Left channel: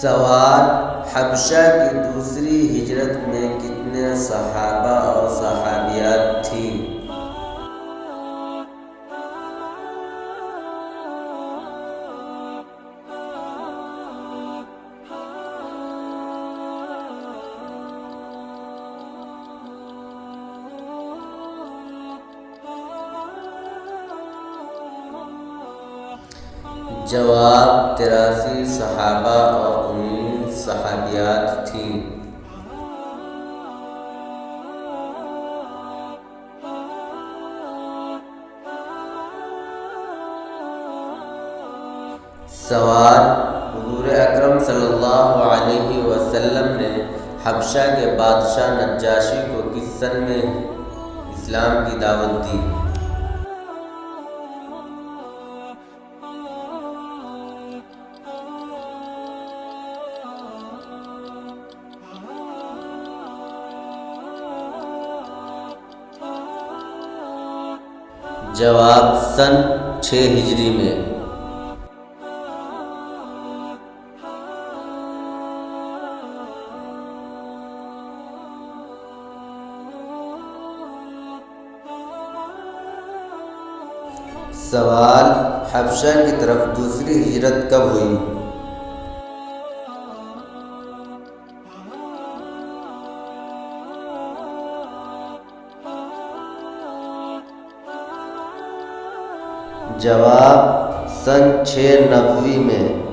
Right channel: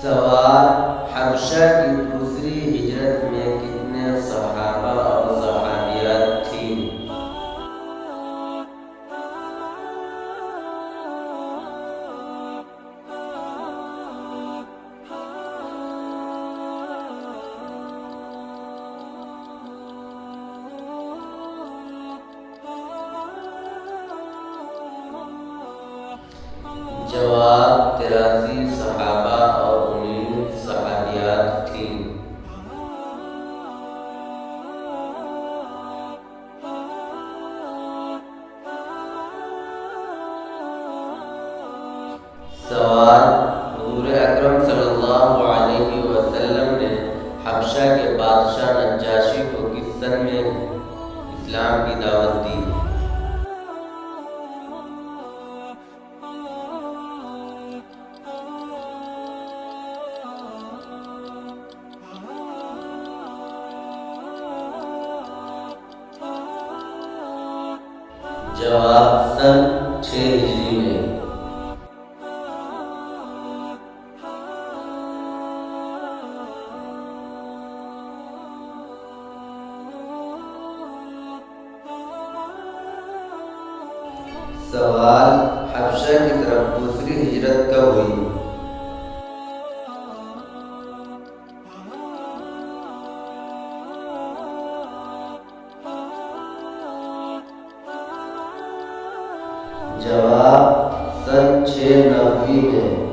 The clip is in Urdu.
سوال: حبشہ کی دوسری ہجرت میں کتنے صحابہ اور صحابیات تھیں؟ جواب: 83 صحابہ اور 19 صحابیات تھیں۔ سوال: حضور اکرم صلی اللہ علیہ وسلم نے حبشہ کے بادشاہ نجاشی کو کس سن میں اسلام کی دعوت دی؟ جواب: سن 6 ہجری میں۔ سوال: حبشہ کی طرف دوسری ہجرت کب ہوئی؟ جواب: سن 690 میں۔